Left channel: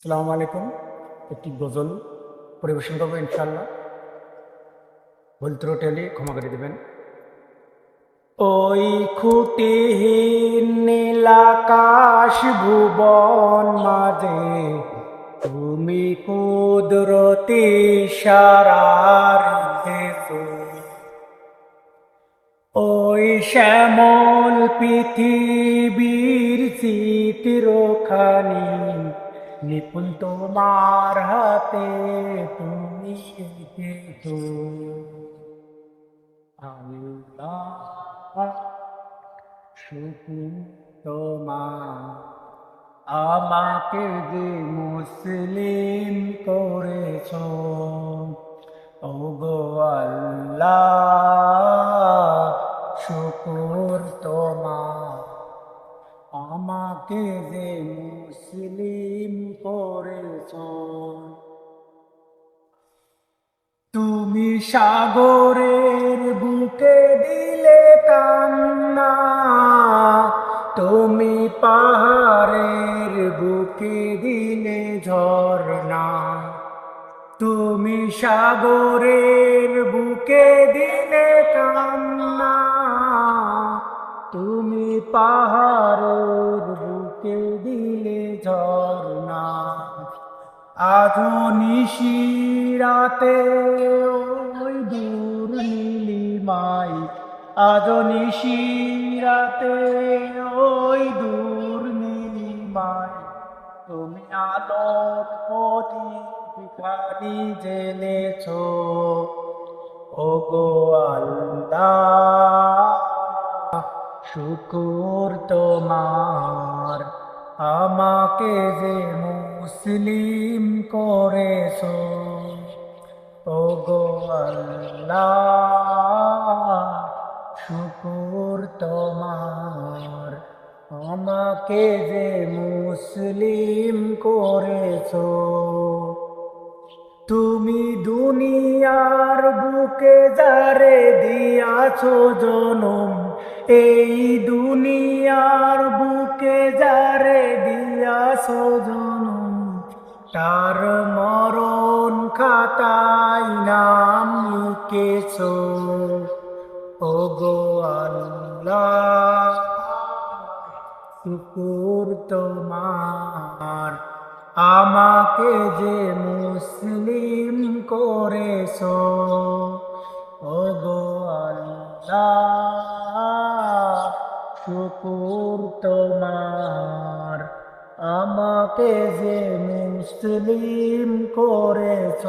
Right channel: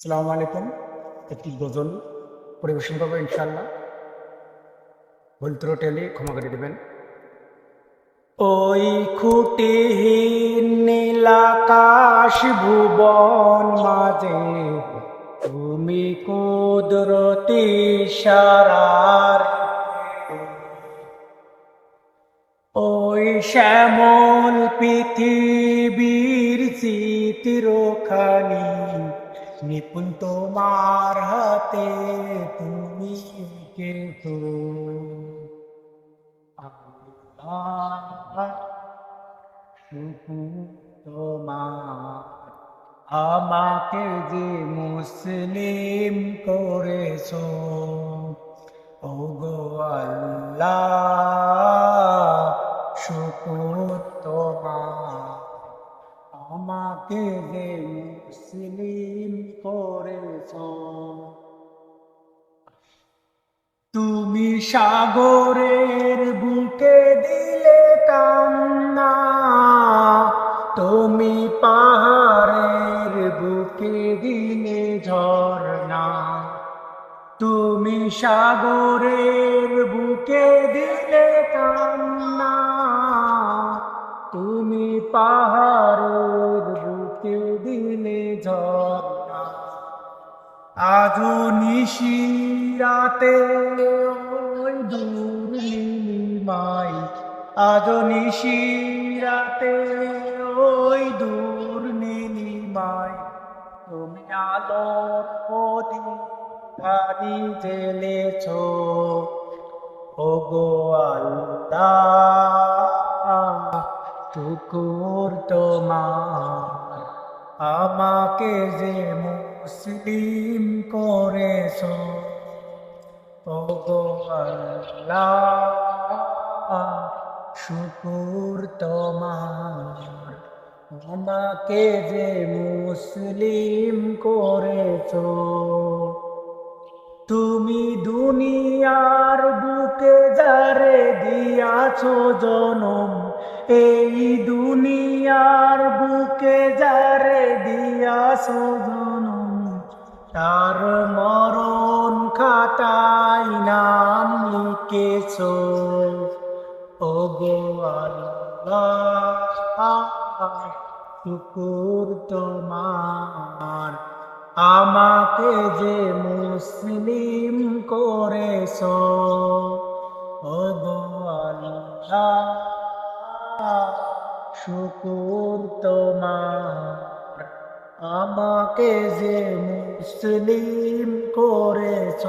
আসসালামু আলাইকুম। একটি গজল পরিবেশন করব ইনশাল্লাহ ভুল ত্রুটি ক্ষমা করে দেবেন। ওই খুঁটিহীন নীলাকাশ ভুবন মাঝে তুমি কুদরতি সারার ওই শ্যামল পৃথিবীর চিত্রখানি নিপুণ তোমার হাতে তুমি কে আল্লাহ আমাকে যে মুসলিম করেছ ও গো আল্লাহ শুকুর আমাকে যে মুসলিম করেছ। তুমি সাগরের বুকে দিলে কান্না, তুমি পাহাড়ের বুকে দিলে ঝর্ণা। তুমি সাগরের বুকে তুমি পাহাড়ের বুকে দিলে ঝর্ণা। আজও নিশিরাতে ওই দূর নীলিমাই। আজও নিশিরাতে ওই দূর নীলিমাই। তুমি আলোর প্রদীপখানি জেলেছ। ও গো আল্লাহ। শুকুর তোমার, আমাকে যে মুসলিম করেছ। ও গো আল্লাহ, শুকুর তোমার, আমাকে যে মুসলিম করেছ। তুমি দুনিয়ার বুকে যারে দিয়াছো জনম এই দুনিয়ার বুকে যারে দিয়াছো জনম তার মরণ খাতায় নাম লিখেছ। ও গো আল্লাহ তোমার। আমাকে যে মুসলিম করেছ ও গো আল্লাহ শুকুর তোমার। আমাকে যে মুসলিম করেছ